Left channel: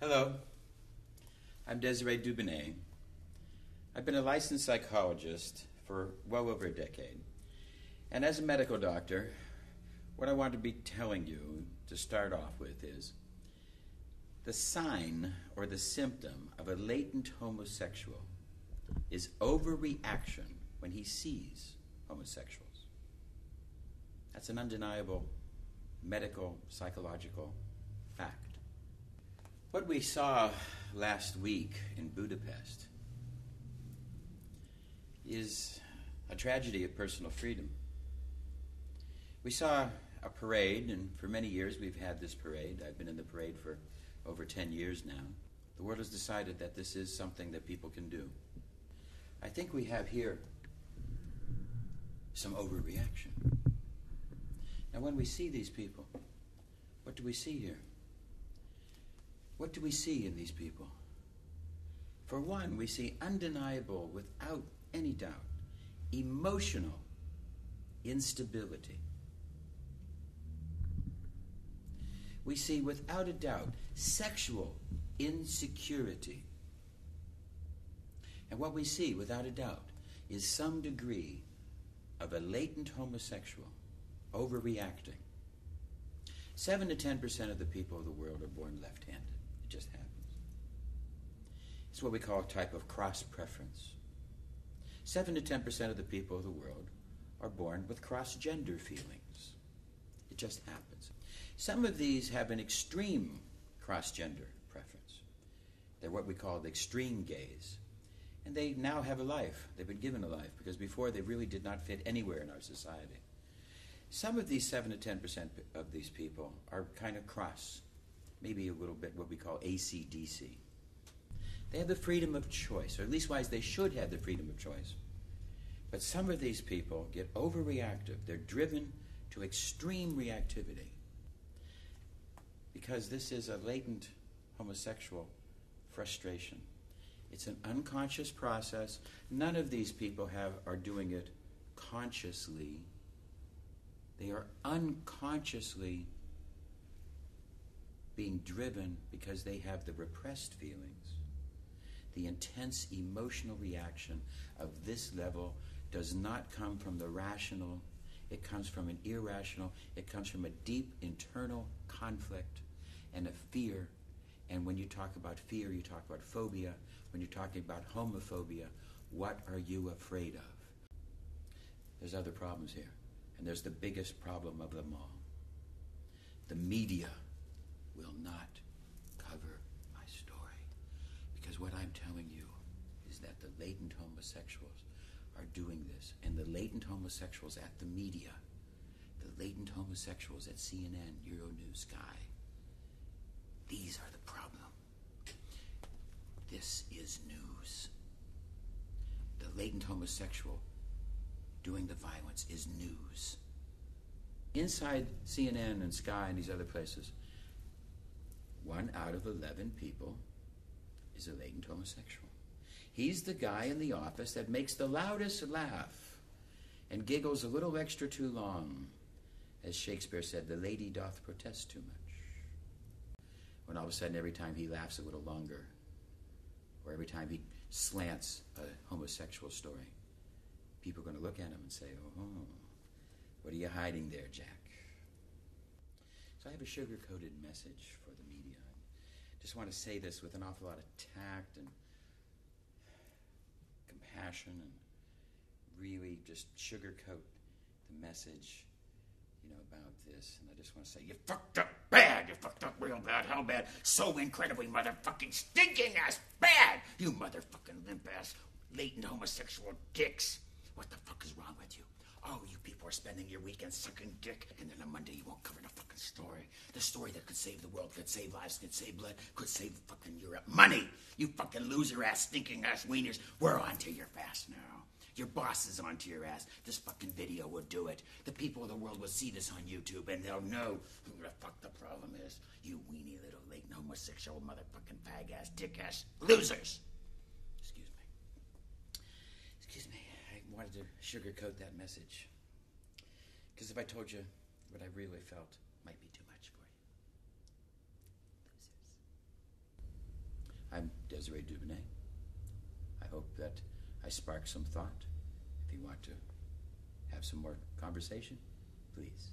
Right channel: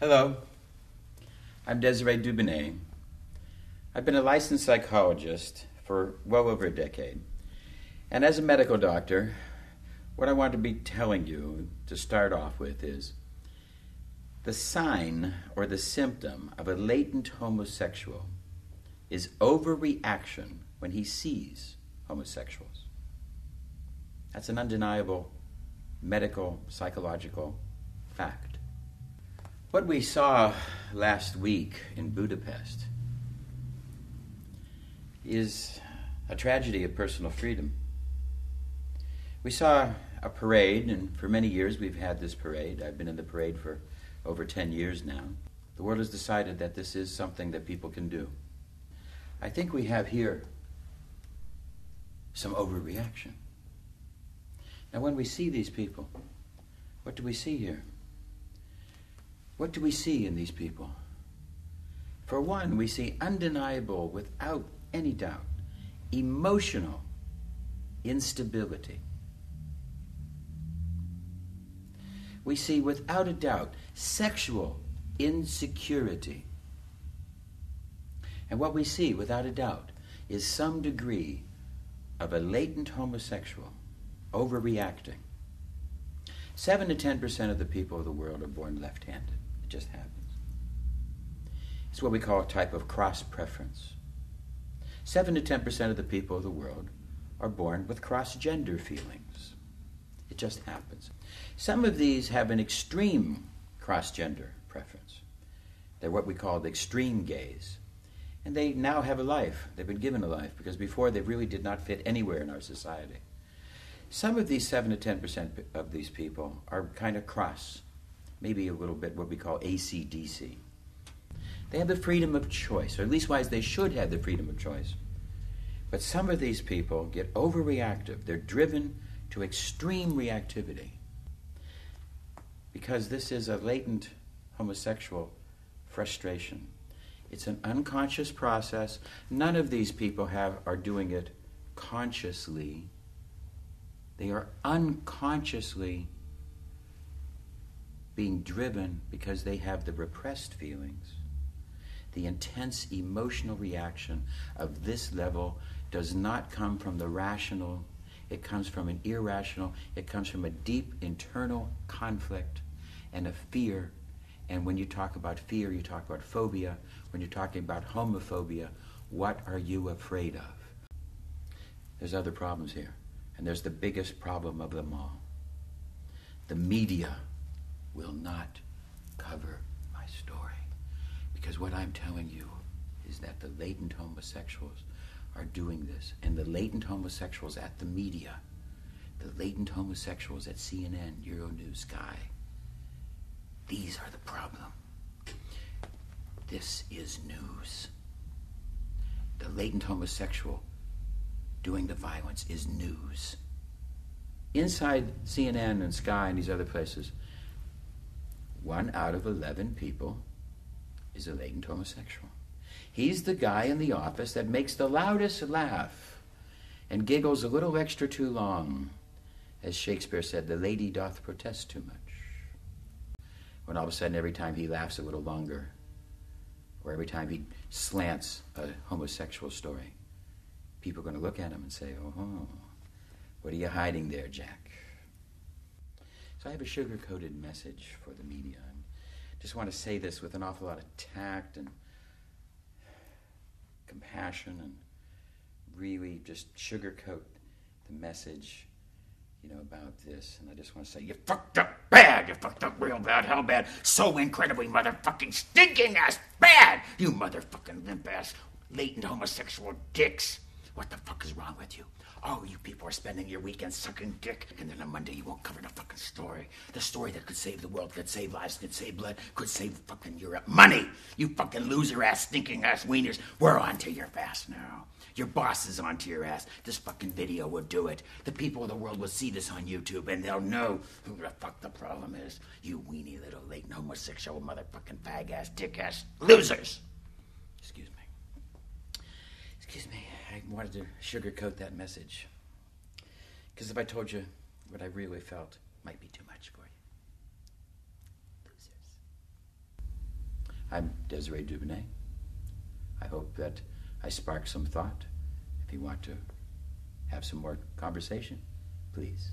Hello, I'm Dubounet. I've been a licensed psychologist for well over a decade. And as a medical doctor, what I want to be telling you to start off with is the sign or the symptom of a latent homosexual is overreaction when he sees homosexuals. That's an undeniable medical, psychological fact. What we saw last week in Budapest is a tragedy of personal freedom. We saw a parade, and for many years we've had this parade. I've been in the parade for over 10 years now. The world has decided that this is something that people can do. I think we have here some overreaction. Now when we see these people, what do we see here? What do we see in these people? For one, we see undeniable, without any doubt, emotional instability. We see, without a doubt, sexual insecurity. And what we see, without a doubt, is some degree of a latent homosexual overreacting. 7 to 10% of the people of the world are born left-handed. It just happens. It's what we call a type of cross-preference. 7 to 10% of the people of the world are born with cross-gender feelings. It just happens. Some of these have an extreme cross-gender preference. They're what we call the extreme gays. And they now have a life. They've been given a life because before they really did not fit anywhere in our society. Some of these 7 to 10% of these people are kind of cross. Maybe a little bit what we call AC/DC. They have the freedom of choice, or at least wise they should have the freedom of choice. But some of these people get overreactive. They're driven to extreme reactivity because this is a latent homosexual frustration. It's an unconscious process. None of these people are doing it consciously. They are unconsciously being driven because they have the repressed feelings. The intense emotional reaction of this level does not come from the rational. It comes from an irrational. It comes from a deep internal conflict and a fear. And when you talk about fear, you talk about phobia. When you're talking about homophobia, what are you afraid of? There's other problems here. And there's the biggest problem of them all. The media will not cover my story. Because what I'm telling you is that the latent homosexuals are doing this. And the latent homosexuals at the media, the latent homosexuals at CNN, Euronews, Sky, these are the problem. This is news. The latent homosexual doing the violence is news. Inside CNN and Sky and these other places, 1 out of 11 people is a latent homosexual. He's the guy in the office that makes the loudest laugh and giggles a little extra too long. As Shakespeare said, the lady doth protest too much. When all of a sudden, every time he laughs a little longer, or every time he slants a homosexual story, people are going to look at him and say, oh, what are you hiding there, Jack? So I have a sugar-coated message for the media. I just want to say this with an awful lot of tact and compassion and really just sugarcoat the message, about this. And I just want to say, you fucked up bad. You fucked up real bad. How bad? So incredibly motherfucking stinking ass bad. You motherfucking limp ass latent homosexual dicks. What the fuck is wrong with you? Oh, you people are spending your weekend sucking dick, and then on Monday you won't cover the fucking story. The story that could save the world, could save lives, could save blood, could save fucking Europe. Money! You fucking loser ass, stinking ass wieners. We're onto your ass now. Your boss is onto your ass. This fucking video will do it. The people of the world will see this on YouTube, and they'll know who the fuck the problem is. You weenie little latent homosexual motherfucking fag ass, dick ass losers. Excuse me. I wanted to sugarcoat that message. Because if I told you what I really felt, it might be too much for you. Losers. I'm Desiree Dubounet. I hope that I sparked some thought. If you want to have some more conversation, please.